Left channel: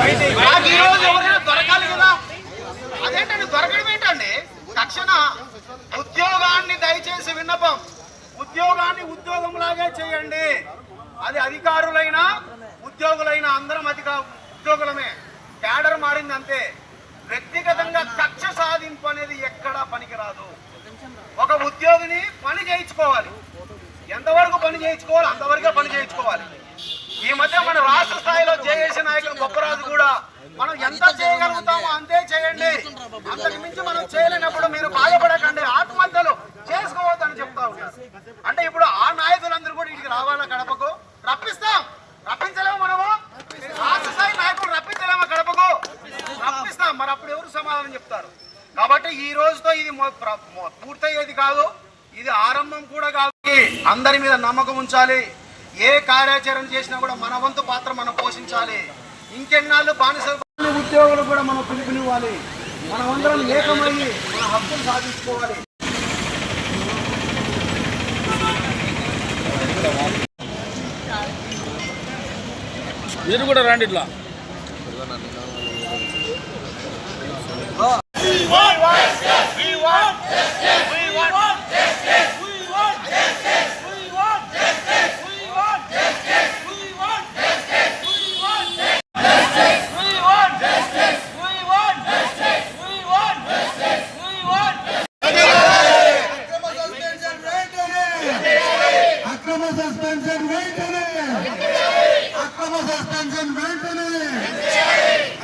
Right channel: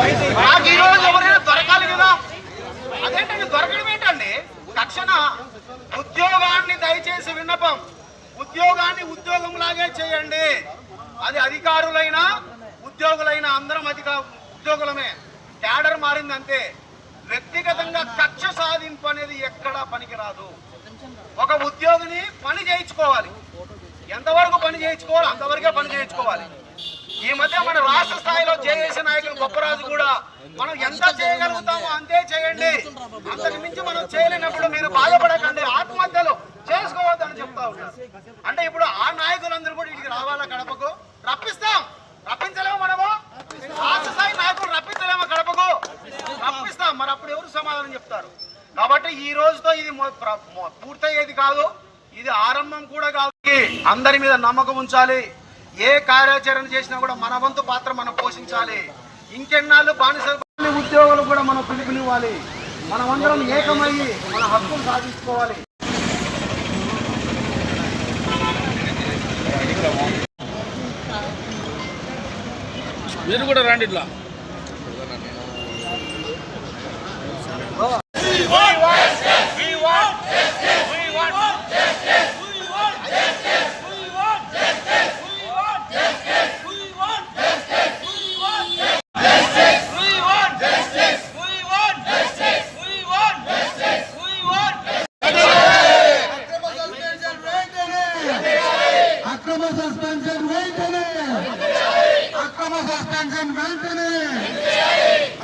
నాకు ఈ రోజు ఎవరైనా దొరకాలి కదా. అదేంటండి దొరకడం ఏంటండి? తక్షణ ఉద్యోగాన్ని దయచేసి విన్నపం, ఉద్యోగాన్ని ఉద్యోగంలాగే చేయండి. అది అధికారులైనా ఉద్యోగులైనా అందరం ఉద్యోగులమే. క్యాడర్ మారింది అంతే. వ్యక్తిగతంగా కక్ష సాధింపు అనేది ఎక్కడా పనికిరాదు. ఒక ఉద్యోగిని పని చేయించుకోవాలి, ఎంతవరకు పని చేయించుకోవాలి అంతవరకే పని చేయించుకోవాలి. ఈ మధ్య మన రాష్ట్ర స్థాయిలో జేఏసీ నాయకులు గొప్పరాజు కూడా మనం ఎంత చేయగలుగుతామో అంతే చేయండి, అంతకు మించి మనం చేయలేనప్పుడు మీరు బాధపడకండి, ఆత్మహత్యలు చేసుకోవద్దని చెప్తా ఉన్నారు. అంటే ఇప్పుడు ఆ నాయకులందరూ కూడా ఇక్కడికి రావాలా? కడపకు రప్పించలేము మనము? రాష్ట్ర స్థాయి నాయకులు రప్పించలేమా కడపకు? రప్పిస్తాం. మరి అప్పుడు ఎవరు సమాధానం చెప్తారు? కాబట్టి ఈ రోజుతో ఇది పూర్తయ్యేది కాదు, ఇది ఆరంభం కూడా కాదు. అందరి మీద నమ్మకం ఉంచాలి. ఏ కార్యాచరణ చేసినా కూడా మన వంతు పాత్ర మనం పోషించాలి. ఇంకెన్నాళ్ళు బానిస ఉద్యోగులు కూడా మనం పిలుపునివ్వాలి. మనమందరం ఏకమయ్యి మన హక్కులు సాధించుకోవాలి. మీరు కూడా రండి ఇట్లా.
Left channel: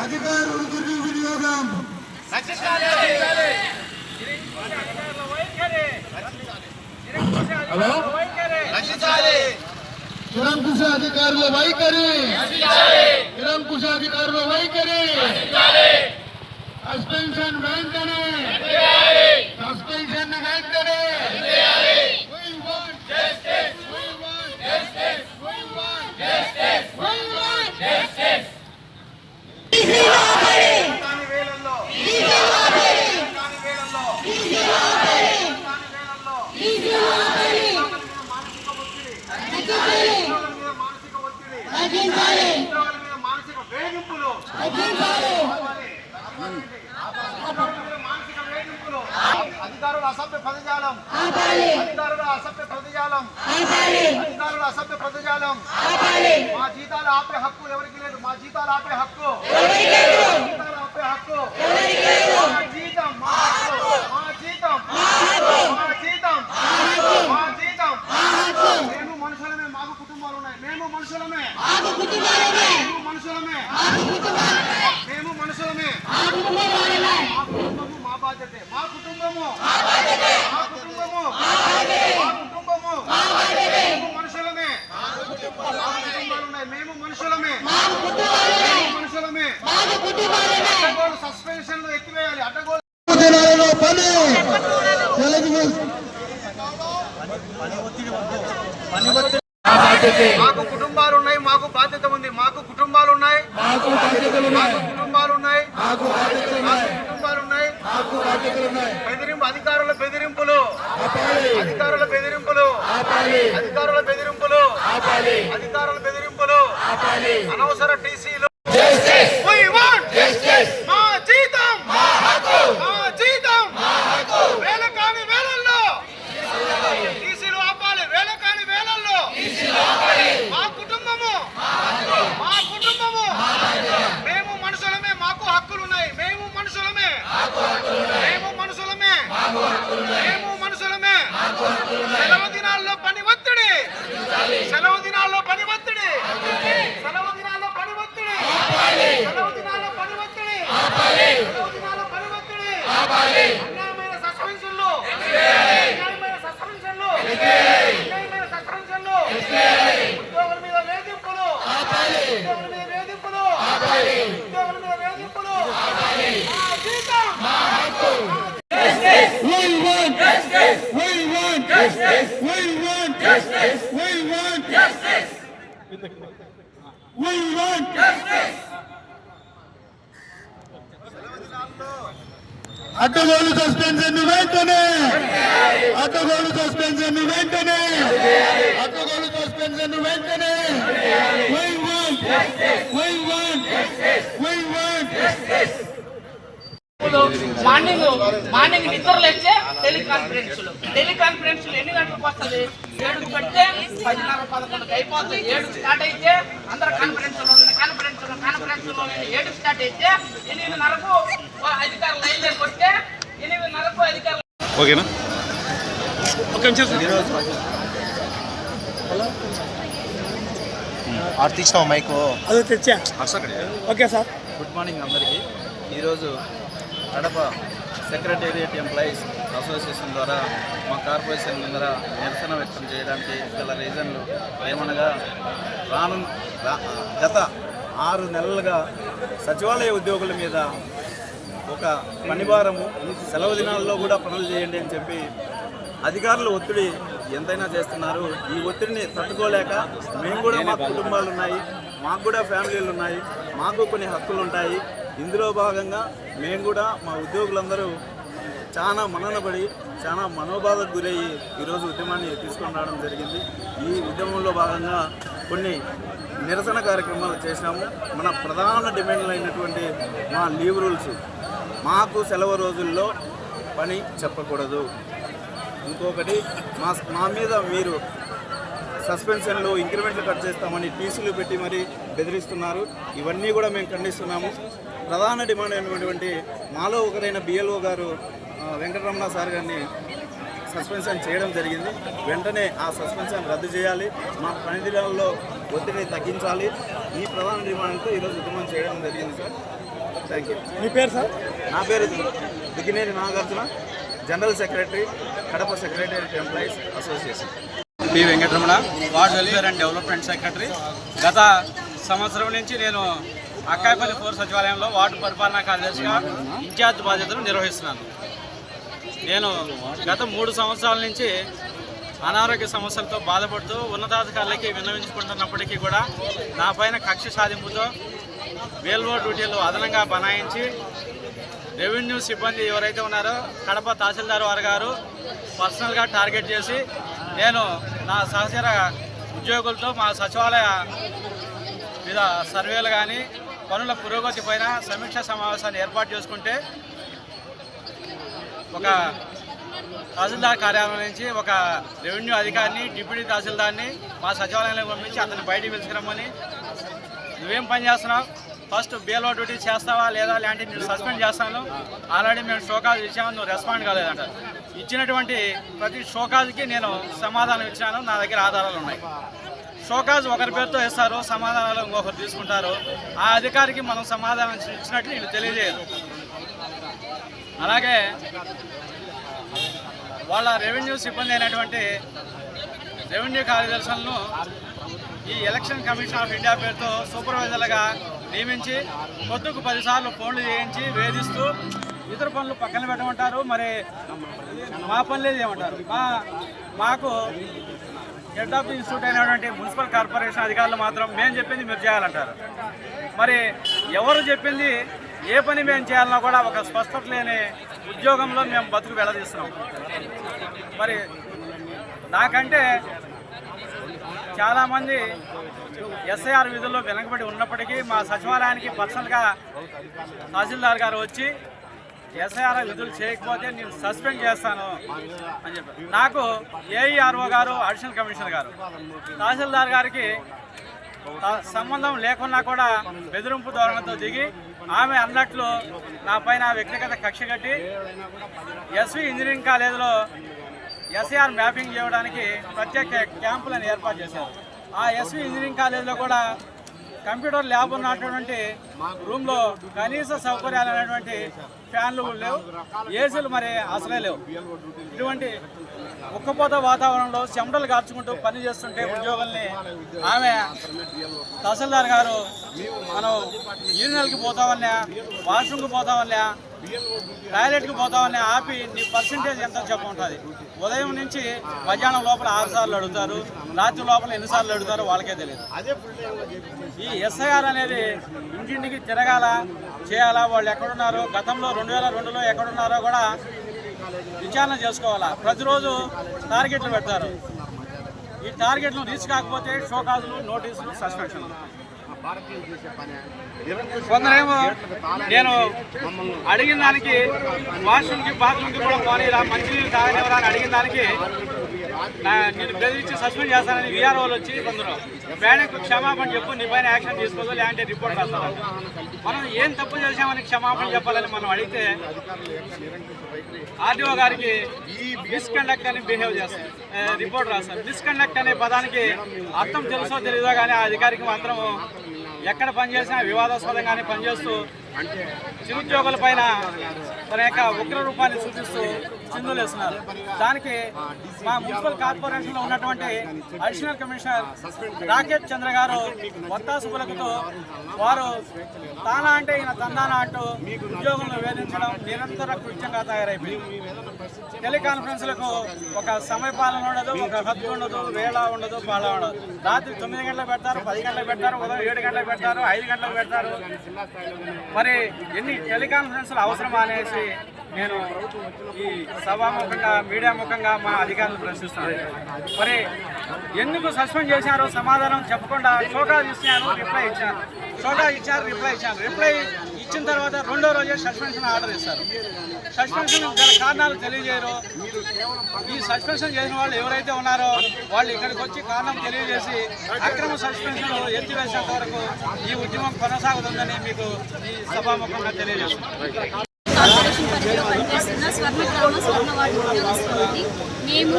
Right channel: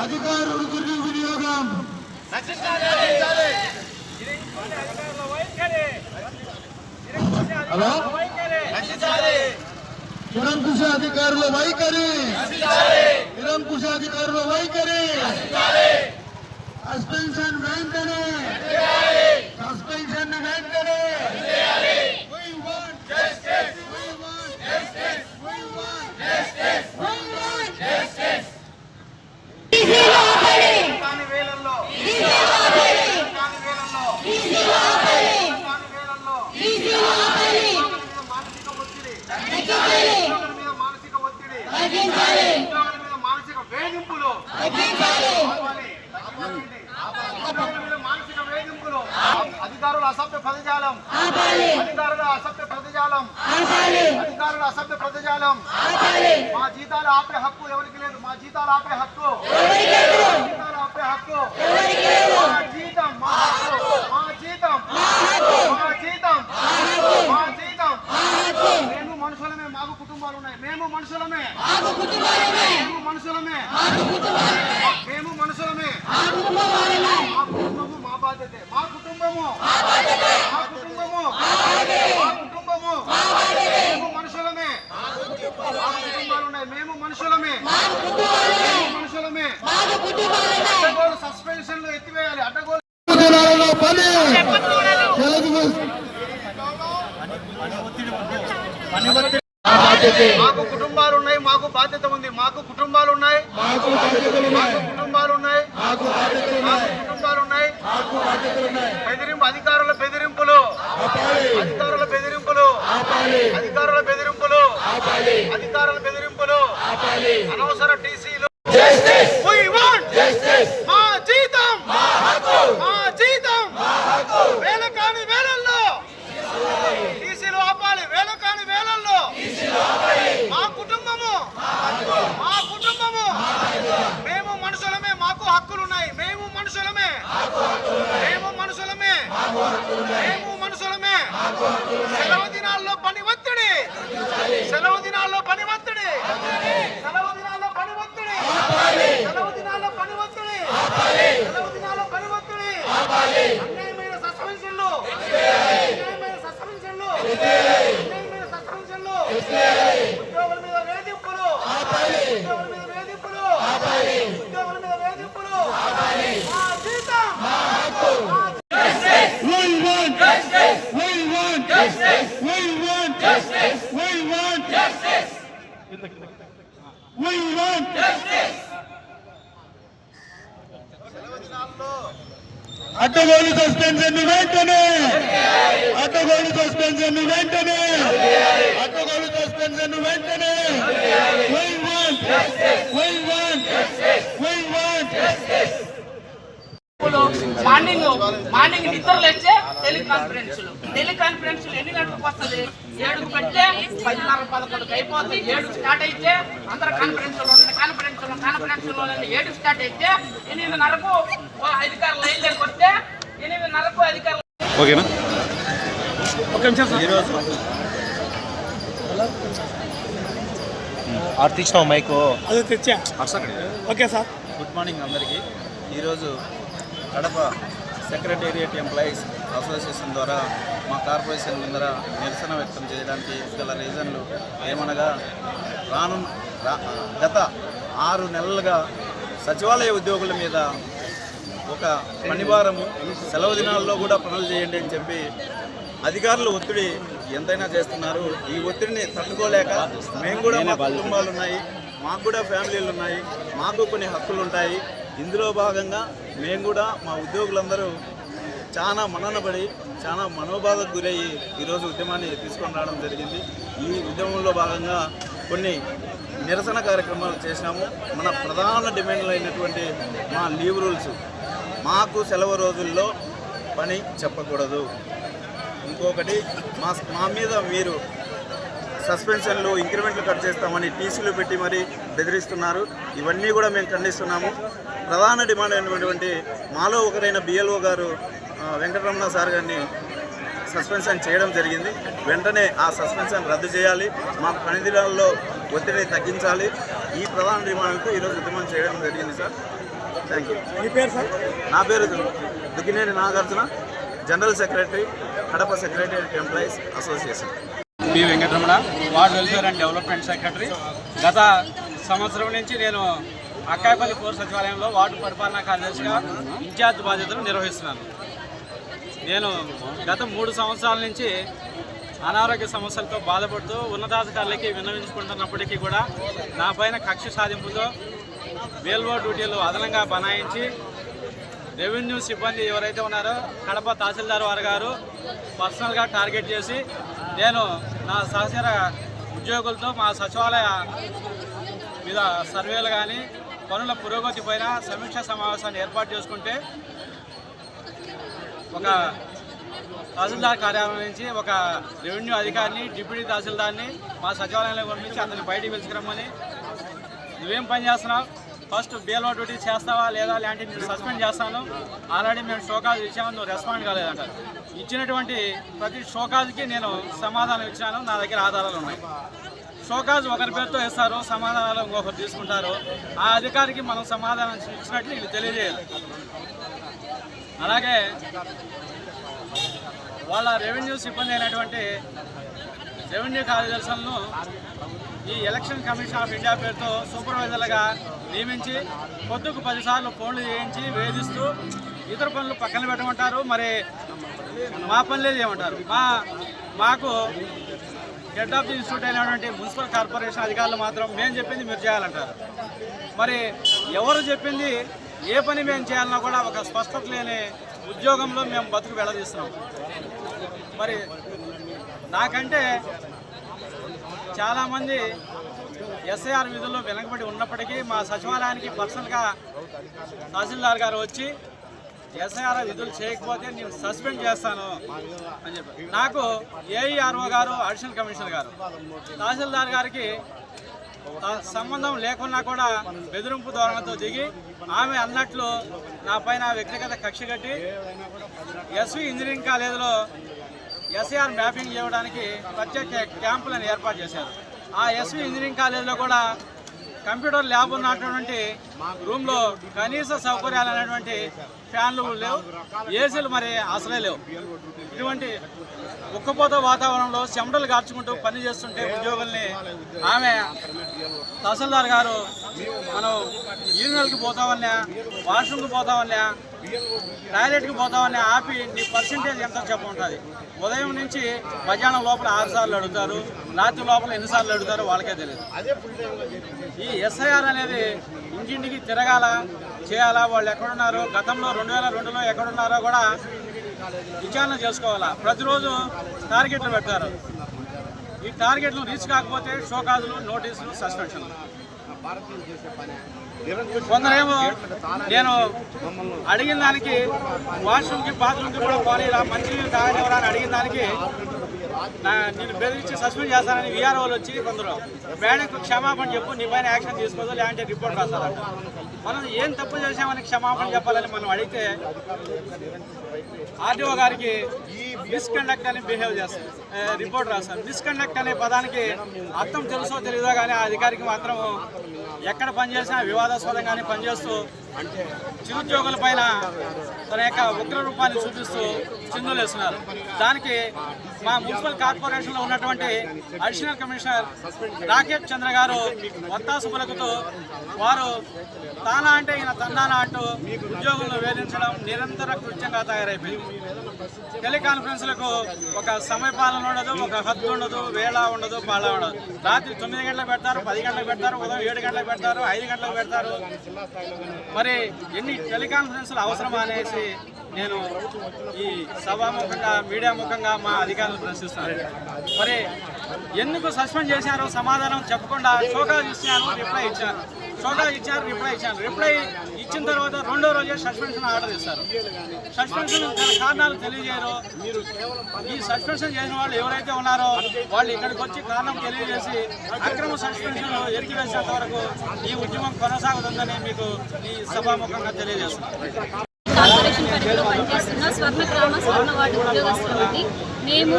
అధికారులు దుర్వినియోగం నిరంకుశ అధికారుల వైఖరి, నిరంకుశ అధికారుల వైఖరి, సస్పెన్షన్ వెంటనే, సస్పెన్షన్ వెంటనే. మానసిక వేధింపులు, అధికారుల అసభ్య పదజాలం, అధికారుల అసభ్య పదజాలం, అధికారుల అసభ్య పదజాలం. మా జీతాలు ఆపే హక్కు ఎవరికి లేదు. మా జీతాలు ఆపే హక్కు, జీతాలు ఆపే హక్కు, మా జీతం మా హక్కు, మా జీతం మా జీతం మా జీతం. మేము మనుషులమే, మాకు కుటుంబాలు ఉన్నాయి. మేము మనుషులమే, మేము మనుషులమే, మేము మనుషులమే. మా కుటుంబము మా బాధ్యతే. మా కుటుంబము మా కుటుంబము మా కుటుంబము. మేము మనుషులమే, మాకు కుటుంబాలు ఉన్నాయి. మేము మనుషులమే, మనుషులమే. అడ్డగోలు సస్పెన్షన్లు ఎత్తివేయాలి. అడ్డగోలు మాకు కుటుంబాలు ఉన్నాయి, మాకు బాధ్యత ఉంది. మాకు కుటుంబాలు ఉన్నాయి, మాకు కుటుంబాలు ఉన్నాయి, కుటుంబాలు ఉన్నాయి. బెదిరింపు, అధికారుల బెదిరింపులు, అధికారుల బెదిరింపులు, అధికారుల బెదిరింపులు, అధికారుల బెదిరింపులు, అనవసర టీసీలు. మా జీతం మా జీతం వేల కాని వేలల్లో టీసీలు ఆపాలి. వేల కాని వేలల్లో మా కుటుంబము, మా కుటుంబము. మేము మనుషులమే, మాకు హక్కులున్నాయి. మేము మనుషులమే, మేము మనుషులమే, మేము మనుషులమే. సెలవు దినాల్లో పని ఒత్తిడి, సెలవు దినాల్లో పని ఒత్తిడి, సెలవు దినాల్లో పని ఒత్తిడి, సెలవు దినాల్లో పని ఒత్తిడి, సెలవు దినాల్లో పని ఒత్తిడి. అన్యాయమైన సస్పెన్షన్లు, అన్యాయమైన సస్పెన్షన్లు, అన్యాయమైన సస్పెన్షన్లు. ఉద్యోగుల మీద వేధింపులు, ఉద్యోగుల మీద వేధింపులు, ఉద్యోగుల మీద వేధింపులు. మా జీతం మా హక్కు. We want justice. We want justice. We want justice. We want justice. We want justice. అడ్డగోలు సస్పెన్షన్ వెంటనే, అడ్డగోలు సస్పెన్షన్ వెంటనే, అడ్డగోలు సస్పెన్షన్ వెంటనే. We want justice. We want justice. We want morning నిద్రలు వచ్చే టెలికాన్ఫరెన్స్ ఎన్ని గంటలకు వస్తుంది? 7 పెడితే 10:11 అయిపోతుంది. 7 స్టార్ట్ అయితే అందరు కాన్ఫరెన్స్ 7 స్టార్ట్ అయితే 8:30కు అధికారులు లైన్ దగ్గరికి వస్తే 8:30కు అధికారులు ఓకేనా? Okay sir. గుడ్ మార్నింగ్ అందరికీ. ఈరోజు కడప సెక్రటేరియట్ ఎంప్లాయీస్ అసోసియేషన్ ద్వారా మా కార్పొరేషన్ ముందర నిరసన వ్యక్తం చేయడానికి గల రీజన్లు ఏమనగా గత 6 నెలలుగా సచివాలయ ఉద్యోగుల మీద ఒక పనిభారము, సెలవు దినాల్లో కూడా పనులు చేయండి అని చెప్పి అధికారులు ఒత్తిడి ఎంతైనా చేస్తున్నారు. ఈ ఒత్తిడిని తట్టుకోలేక మేము కూడా, మా కుటుంబాలు ఉన్నాయి, మాకు కూడా ఫ్యామిలీలు ఉన్నాయి, మాకు కొన్ని హక్కులు ఉంటాయి. ఇందులో భాగంగా మేము కూడా మా ఉద్యోగులందరూ చాలా మననబడి చాలా మనోబాధకు గురయ్యి ఈరోజు ఉద్యమాన్ని తీసుకొని రావడం జరిగింది. ఈ ఉద్యమంలో భాగంగా కొన్ని నిరసన కార్యక్రమాలు చేసినాము. మన ప్రధాన డిమాండ్లు అయినటువంటి మా లీవ్ రూల్స్, మాకు సెలవు రోజుల్లో పని చెప్పకూడదు. ఇంకొకటి మా మీద మీరు సస్పెన్షన్లు, ఇంక్రిమెంట్లు కట్ చేస్తామని టీసీలు పెట్టి మరీ బెదిరిస్తున్నారు. ఇవన్నీ కూడా మేము ఖండిస్తున్నాము. ప్రధాన డిమాండ్ అయినటువంటి మాలో ఒకరైన బిఎల్ఓ గారు వెంకటరమణ సార్ గారిని సస్పెన్షన్ చేయడం జరిగింది. వెంటనే ఆ సస్పెన్షన్ రద్దు చేయాలి, మా పని దినాల్లో ఒత్తిడిని తగ్గించాలి. ఈ ప్రధాన డిమాండ్తో ఈరోజు ఉద్యమం చేయడం జరిగింది సార్. Thank you. మీ పేరు సార్? నా పేరు Duggineni Nagarjuna, general secretary, Kadapa secretariat employees association. P Venkataramana, ward welfare and development secretary. గత సంవత్సరం నుంచి నేను అక్కాయపల్లి 4 సచివాలయంలో వార్డు పరిపాలనా కార్యదర్శిగా ఇన్ఛార్జ్ బాధ్యతలు నిర్వహిస్తున్నాను. నేను గత 3 సంవత్సరాల నుంచి అనారోగ్య సమస్యలతో బాధపడుతూ ఉన్నతాధికారులకి విన్నవించుకుంటున్నప్పటికీ కూడా నా పైన కక్ష సాధింపుతో వేల్వో డ్యూటీలు అదనంగా బనాయించి రెవెన్యూ సిబ్బంది ఎవరైతే ఉన్నారో కడప తహసీల్దార్ వారు గారు పర్సనల్గా టార్గెట్ చేసి నేను నా సహచర ఉద్యోగులతో మా సచివాలయ మీద సర్వేలు కానీ పనుల పురోగతి పైన సమీక్షా సమావేశాన్ని ఏర్పాటు చేసుకుంటే ఒక తహసీల్దార్ కార్యాలయం నుంచి ఒక రెవెన్యూ అధికారిని, డిప్యూటీ తహసీల్దార్ని మా సచివాలయంలో పంపించి అతన్ని బయటికి పిలుచుకురమ్మని, నువ్వేం పని చేస్తున్నావు, ఫస్ట్ బిఎల్ఓ డ్యూటీ చేస్తావా లేదా, లేదంటే నేను సస్పెండ్ చేస్తాను, ఆల్రెడీ మేము షోకాజ్ ఇచ్చాము, నువ్వు రెస్పాండ్ కాలేదంట. ఇచ్చినటువంటి ప్రతి షోకాజ్కి నేను సమాధానం ఇచ్చాను, నా దగ్గర ఆధారాలు ఉన్నాయి. షోకాజ్ ఒకరి పేరుతో ఇస్తారు, సమాధానాలు ఇంకొకరు తీసుకుంటారు. ఆ అధికారికి మనం సమాధానం ఇచ్చినట్లు వీళ్ళు తెలియజేయరు. అలాగే వాళ్ళ రెవెన్యూ సిబ్బంది అయినటువంటి రెవెన్యూ కార్యదర్శులను ఈ ఎలక్షన్ కమిషన్ ఆఫ్ ఇండియా పేరుతో సూపర్వైజర్లుగా నియమించి పొద్దుకు 10 సార్లు ఫోన్లు చేయించి వేధిస్తూ ఇతర పనులు పక్కన పెట్టమంటారు. మరి మా పనులే చేయమంటారు. మాకు హెడ్ ఆఫ్ ది ఇన్స్టిట్యూట్ అయినటువంటి మున్సిపల్ కార్పొరేషన్ అధికారులు మాత్రం మేము చెప్పింది మీరు చేయాలంటారు. మరి ఎవరు చెప్పింది ఏ పని మేము చేయాలన్నా కూడా ఒక స్పష్టత లేని ఉద్యోగంలో మేము బతుకు వెళ్ళదీస్తున్నాం. మరి నాకంటే చాలామంది ఎస్ఐఆర్ విధుల్లో వెనకబడి ఉన్నప్పటికీ మా సచివాలయానికి పర్సనల్గా తహసీల్దార్ గారు వచ్చి ఎస్ఐఆర్ విధులు చేయకపోతే నేను సస్పెండ్ చేస్తాను అని చెప్పారు. నాకు ఏఈఆర్ఓ గారు, అడిషనల్ కమిషనర్ గారు, తహసీల్దార్ గారికి సంబంధం లేకున్నా కూడా బెదిరింపు ధోరణితో దిగి ఆమె అన్నట్లు నా పైన వ్యక్తిగత కక్ష కట్టి ఎస్వి ఇంజనీరింగ్ కాలేజీలో ఎస్ఐఆర్ మ్యాపింగ్ చేయడానికి ప్రత్యేక క్యాంపులను ఏర్పాటు చేశారు. ఆ ఎస్వి ఇంజనీరింగ్ కాలేజీలో కూడా కంప్యూటర్ ల్యాబ్ ఉన్నటువంటి రూమ్లో కనీస సౌకర్యాలు అనేటువంటి ఫ్యాన్లు లేవు, ఏసీలు మరి అసలే లేవు. ఇటువంటి ఉక్కపోత వాతావరణంలో చెమటలు కార్చుకుంటూ పని చేస్తుంటే ఉద్యోగుల్ని ఆమె తహసీల్దార్ గారు మనం యూరినల్కి పోతామన్నా, వాష్రూమ్కి పోతామన్నా, టాయిలెట్కి పోతామన్నా ఆపి నీ పర్సంటేజ్ ఎంత చెప్పుంటుంది. ఉదయం నుంచి మధ్యాహ్నం లోపల 6 సార్లు అడుగుతారు, రాత్రి లోపల ఎన్నిసార్లు అడుగుతారో వాళ్ళకే తెలియదు. ఈ ఎస్ఐఆర్ అనేది ఇంటింటికి తిరగాల చేయాలా, వాళ్ళు ఎక్కడున్నారో, గతంలో 2002లో ఎక్కడున్నారో కూడా విచారణ చేసుకోవాలా. ప్రతిరోజు టార్గెట్లు పెడతారు. ఈ టార్గెట్లు రీచ్ కాకపోతే షోకాజులు, నోటీసులు, సస్పెన్షన్లు. కొందరేమో నేను అడిగిన దానికి వాష్రూమ్కి బాత్రూమ్కి కూడా పోనీలా, మంచినీళ్ళు తాగనివ్వరా అని అడిగిన దానికి నేను బెదిరించి సస్పెండ్ చేస్తానని వీఆర్ఓలు వచ్చి కొందరు మేడంకు క్షమాపణ చెప్పు, నీ పైన యాక్షన్ తీసుకోదు, లేదంటే రిపోర్ట్ రాస్తారంట. మనం ఏం తప్పు చేసామని క్షమాపణ చెప్పాలని మనం అడిగితే ఆర్డీఓ గారికి మిస్కండక్ట్ అని బిహేవ్ చేస్తారు, రిపోర్ట్ రాస్తారు. మిస్కండక్ట్ అనే పదానికి అర్థం తెలుసో తెలియదో కానీ ఆ అధికారికి మాత్రం ఎక్కడ పనిచేసినా వివాదాస్పదంగానే పనిచేస్తూ చిరుద్యోగుల పైన తన యొక్క ఉగ్ర రూపాన్ని చూపిస్తూ చిందులు వేస్తున్నారు. దానికి మా మున్సిపల్ కార్పొరేషన్లో ఉన్నటువంటి అడిషనల్ కమిషనర్ రాకేష్ చంద్ర గారు వత్తాసు పలుకుతూ వారు తానా అంటే ఈయన తందానా అంటూ ఉద్యోగులను వేధించడం నిరంతర కృత్యంగా తయారైపోయింది. టెలికాన్ఫరెన్స్లకు ఒక సమయపాలన ఉండదు, ఒక హద్దు ఉండదు, వేళ ఉండదు, పాళ ఉండదు. రాత్రి 9 గంటలకు పెడతారు, 10 గంటలకు పెడతారు, ఉదయం 7 గంటలకు పెడతారు, 5 గంటలకు పెడతారు. మరి ఎన్ని టెలికాన్ఫరెన్స్లు అవసరమా అనేసి నేను ఈ సభాముఖంగా మీడియా ముఖంగా మా అధికారులను ప్రశ్నిస్తున్నాను. మరి ఎందుకు సస్పెండ్ చేశారో సమాధానం చెప్పకుండా షోకాజ్ ఇచ్చాను, రిప్లై ఇచ్చాను, షోకాజ్ ఇచ్చారు, రిప్లై ఇచ్చాను. రిప్లై ఇచ్చిన తర్వాత రెండో రోజే సస్పెన్షన్ ఆర్డర్ ఇస్తారు. సస్పెన్షన్ గల కారణాలు తెలియజేయరు. ఈ సస్పెన్షన్ చేసిన వాళ్ళు ఎవరైతే ఉన్నారో వాళ్ళు ఇక్కడికి వచ్చి కారణం తెలియజేసి అక్రమ సస్పెన్షన్ ఎత్తివేసేంత వరకు ఈ ఉద్యమం కొనసాగుతుందని మీకు ఈ సభాముఖంగా తెలియజేస్తున్నాను. కార్పొరేషన్ పరిధిలో పనిచేస్తున్న స్వర్ణ గ్రామ స్వర్ణ వార్డు ఉద్యోగస్తులు అండి. మేము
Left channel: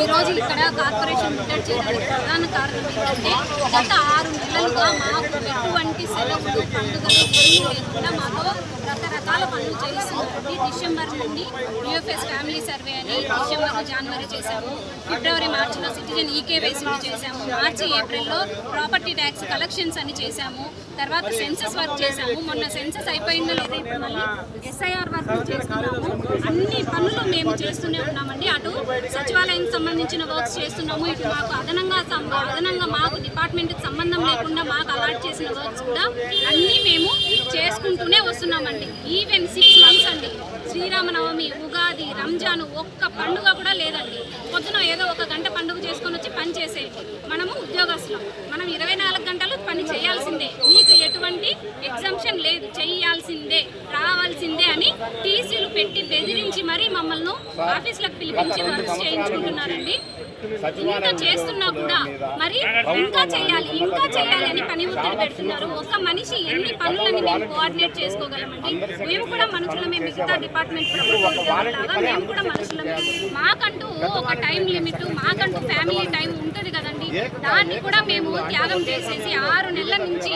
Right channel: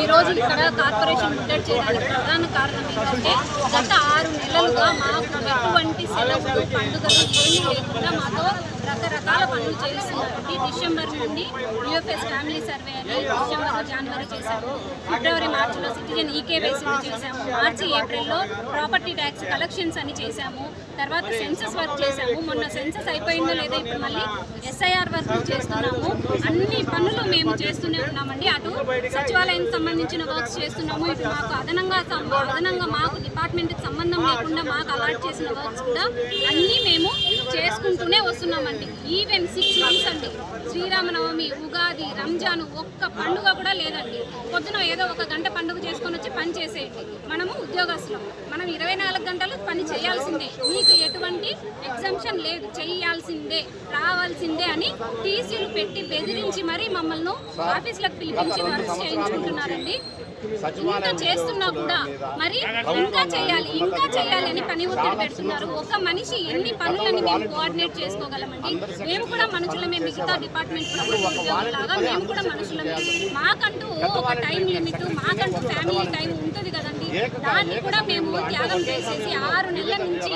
ఈరోజు ఇక్కడ కార్పొరేషన్ ముట్టడి చేయడానికి ప్రధాన కారణం ఏంటంటే గత 6 నెలలుగా మాకు ఎటువంటి సెలవులు పండుగలు ఏమీ లేకుండా మాతో రకరకాల పనులు చేయిస్తున్నారండి. డిసెంబర్ నుండి యూఎఫ్ఎస్ ఫ్యామిలీ సర్వే అని డిసెంబర్ జనవరి చేశాము, ఫిబ్రవరి మార్చిలో సిటిజన్ ఈకేవైసీలు చేశాము, మార్చి ఏప్రిల్లో ప్రాపర్టీ ట్యాక్స్ కలెక్షన్స్ అని చేశాము, తర్వాత సెన్సస్ వర్క్ చేశాము. మొన్న సెన్సస్ అయిపోయిందో లేదో ఇప్పుడు మళ్ళీ SIR వర్క్ చేస్తున్నాము. అన్ని పనులు మేము చేస్తూనే ఉన్నామండి. అటు సచివాలయానికి సంబంధించిన వర్క్స్ చేస్తున్నాము, ఇటు మాకు అదనంగా మాకు డిపార్ట్మెంట్కి సంబంధం లేకుండా మాకు అలాట్ చేసిన వర్క్స్ కూడా అన్నీ మేము చేసుకుంటూనే వస్తున్నామండి. ఈవెన్ 6 months అండి, శ్రీరామనవమి, ఉగాది, రంజాను ఒక్క పండుగ కూడా లేదండి. పొద్దున ఏదో 1 గంట పండుగ చేసుకొని వచ్చి పని చేసేయండి. మనము ఉద్యోగస్తులం, మనం 24 గంటలు పని చేయాల్సిందే, మీకు ఎటువంటి ఎగ్జామ్షన్ లేదు, చేయాల్సిందే, రావాల్సిందే అని టీసీలు పెట్టి బెదిరించి మరీ మమ్మల్ని ఆఫీసులకు పిలిపించి వర్క్ చేయించుకుంటున్నారండి. ఇంత చేస్తున్నా కూడా మరి ఇంకా చేయాలి అని పని ఒత్తిడి పెడుతున్నారు. ఒక మనిషి ఎన్ని పనులని మేము కోఆర్డినేట్ చేసుకోగలమండి? మేము కూడా మనుషులమే, మిగతా డిపార్ట్మెంట్ ప్రభుత్వ ఉద్యోగులాగా మేము కూడా మనుషులమే. మాకంటూ ఒక టైం లిమిట్, మాకంటూ ఫ్యామిలీ టైం ఉంటుంది కదండి, దాన్ని కూడా మేము త్యాగం చేసేసి 6 నెలల నుంచి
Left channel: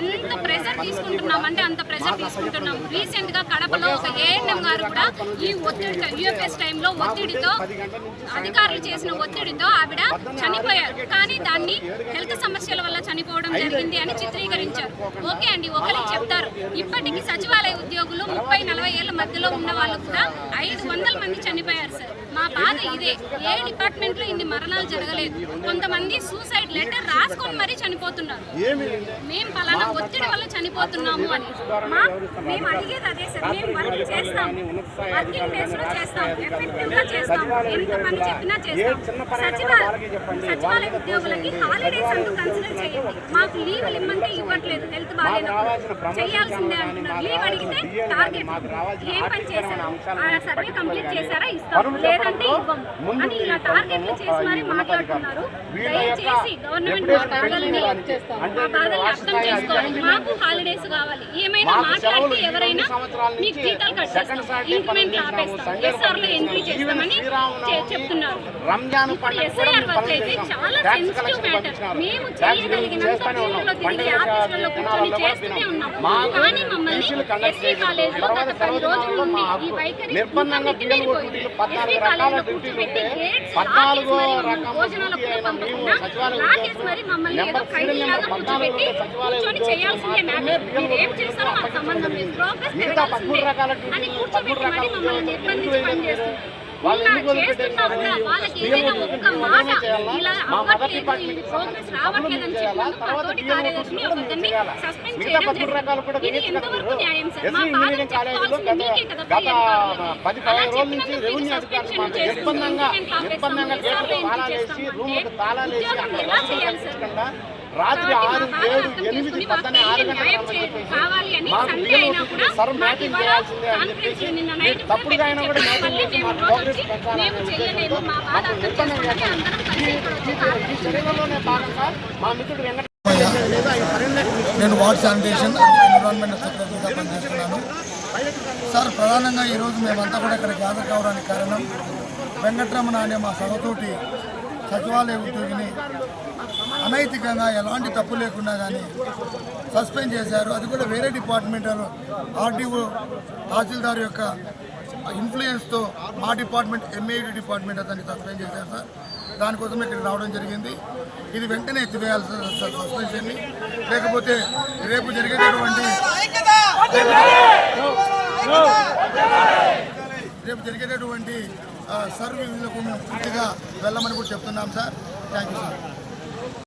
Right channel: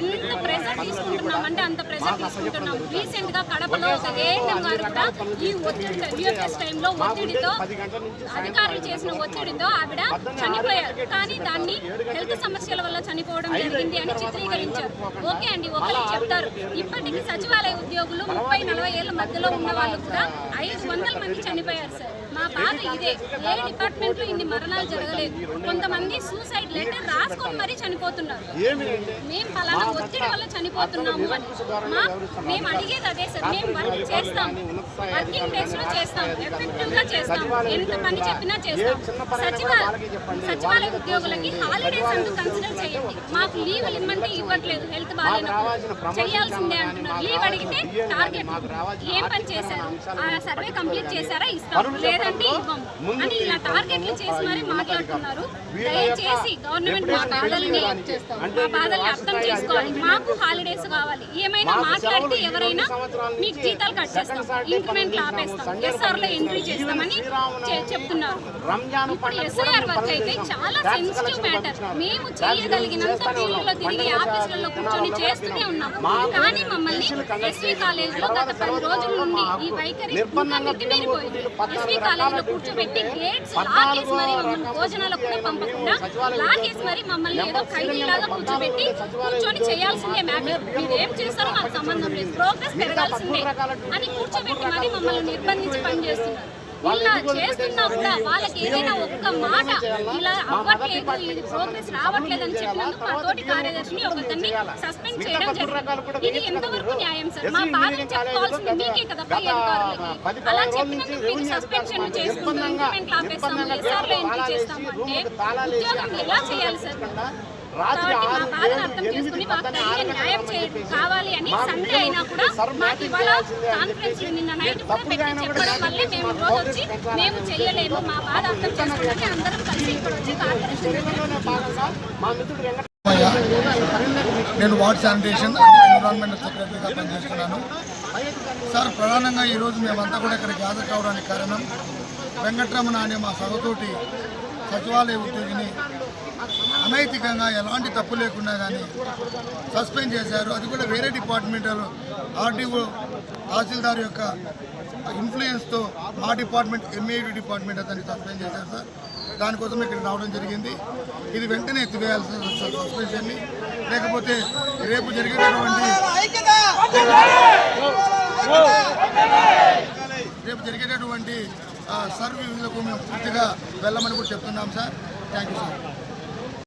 ఎంత ప్రెజర్ తీసుకుంటున్నామంటే అంత ప్రెజర్ తీసుకుంటున్నాం. రీసెంట్ గా కడపలో ఒక ఏఎన్ఎం గారు కూడా ఈ ఒత్తిడితో యూఎఫ్ఎస్ టైంలో ఒత్తిడితో అధికారులు చేసిన ఒత్తిడితో ఆవిడ చనిపోయారు. కానీ దాన్ని హెల్త్ సమస్యల వల్ల చనిపోవడం జరిగింది అని చిత్రీకరించారు. ఓకే అండి, ఒకరికి చెప్తారు. ఇప్పటికీ సచివాలయ ఉద్యోగులు 30-40 ఏళ్ల మధ్యలో ఉన్న వాళ్ళు కూడా 500 మంది చనిపోయారు సార్. మా బాధ ఇదే. ఏ డిపార్ట్మెంట్ లో ఇన్ని మరణాలు జరగలేదు. కొంతమంది సూసైడ్ లెటర్ రాసుకొని మరీ చనిపోతున్నారు. మేము పలానా ఒత్తిడి వల్ల చనిపోతున్నాము అని. మేము అడిగేది అదే సార్. మేము వర్క్ చేస్తాము, వర్కింగ్ డేస్ లో చేస్తాము, ఎఫెక్టివ్ గా చేస్తాము, ఎంత పని చెప్పినా చేస్తాం. సచివాలయ ఉద్యోగులకి హాలిడేస్ అంటూ కన్సిడర్ చేయండి. మాకు లీవ్లు ఇమ్మంటే ఇవ్వట్లేదు, హెల్త్ బాగాలేనప్పుడు చేయాల్సిందే అంటున్నారు. లీవ్ అడిగితే టార్గెట్, ఏం పని చేశారు, ఆ సర్వే కంప్లీట్ చేశారా, ఇస్తాం, లేదంటే ఇవ్వం అని ఇలా టార్గెట్లు చేసి మరీ మాట్లాడుతున్నారు. దయచేసి గవర్నమెంట్ మా బాధల్ని అర్థం చేసుకోవాలి. మాకు హాలిడేస్ కావాలి. ఏమైనా మాట్లాడితే ఎవరైనా మీకు జీతాలు కట్ చేస్తాం, ఇంక్రిమెంట్లు ఆపేస్తాం, SR లో ఎంట్రీ చేస్తామని చెప్తున్నారు. ఇప్పుడు SIR వర్క్ అయితే చాలా సెన్సిటివ్ మ్యాటర్. మేము చేయగలిగినంత ఫీల్డ్లో తిరిగి ఆఫీసులలో కూర్చొని చేస్తూనే ఉన్నాం. కానీ మమ్మల్ని SV కాలేజ్లో గత 10 రోజుల నుండి ఈ వైఖరి నెట్టిపోయింది. SV కాలేజ్లో కూర్చోబెట్టి గేట్స్ లాకేసి మరి భోజనాలకు కూడా పంపకుండా లాకేసి మరి మమ్మల్ని ఏదో ఖైదీ లాగా కూర్చోబెట్టి కూర్చొని చేయాల్సిందే, మ్యామ్ మీరు ఏం చేస్తారో మాకు సంబంధం లేదు, ప్రోగ్రెస్ పెరగాల్సిందే అని కూర్చోబెట్టి మరి మమ్మల్ని నిర్బంధించి పనిచేస్తున్నారు. ఇలా చేస్తున్నా కూడా వాళ్ళకి ఏదైనా ఒక్క మాట ఇలా అవ్వట్లేదు, ఇది ప్రోగ్రెస్ రావట్లేదని చెప్పినందుకు మా తోటి కార్యదర్శిని ఒకరిని సస్పెండ్ చేయడం జరిగింది. ఇది ఎంతవరకు న్యాయం సార్? మా బాధను చెప్పుకోవాల్సింది మీకే కదా పై అధికారులకి. అలా చెప్పినందుకు మీరు సస్పెన్షన్ చేస్తున్నాం, ఇంప్లిమెంట్ ఆపేస్తాము, SR లో ఎంట్రీ చేస్తాము అంటే ఉద్యోగం ఎలా చేయాలి సార్? కాబట్టి మా బాధ అర్థం చేసుకుని మాకు తగిన న్యాయం కావాలి అని సండే అయినా కూడా మాకు ఇవాళ కాన్ఫరెన్స్ నిన్న నైట్ చెప్పడం వల్లే మేము రోజు వచ్చి మేము చేయలేము మా బాధ అర్థం చేసుకుంటే అందరం కలిసి ఇక్కడ వచ్చి కార్పొరేషన్ నేను వార్డ్ శానిటేషన్ అండ్ ఎన్విరాన్మెంట్ సెక్రటరీగా పనిచేస్తున్నాను. సార్, ప్రధానంగా ఈరోజు మేమంతా కూడా ఇక్కడ గ్యాదర్ కావడానికి కారణం వెంకట్రమణ అనే మా సహతోటి సచివాలయ ఉద్యోగిని అనైతికంగా ఎలాంటి తప్పు లేకుండా కానీ సస్పెండ్ చేశారు. అది కూడా వేరే డిపార్ట్మెంటల్ ఆర్టీఓ తహసీల్దార్ యొక్క ఇన్ఫ్లుయెన్స్తో మా డిపార్ట్మెంట్ ఎంఏడి డిపార్ట్మెంట్ అతన్ని సస్పెండ్ చేశారు సార్. దానికోసం ఇక్కడ రావడం జరిగింది. ఇది వెంటనే ఎత్తివేయాలి సార్ సస్పెన్షన్ని, లేకపోతే రేపు జరిగేటటువంటి సర్వీసులకు మేము పూర్తిగా వెళ్ళమని కూడా చెప్తున్నాం సార్. Thank you sir.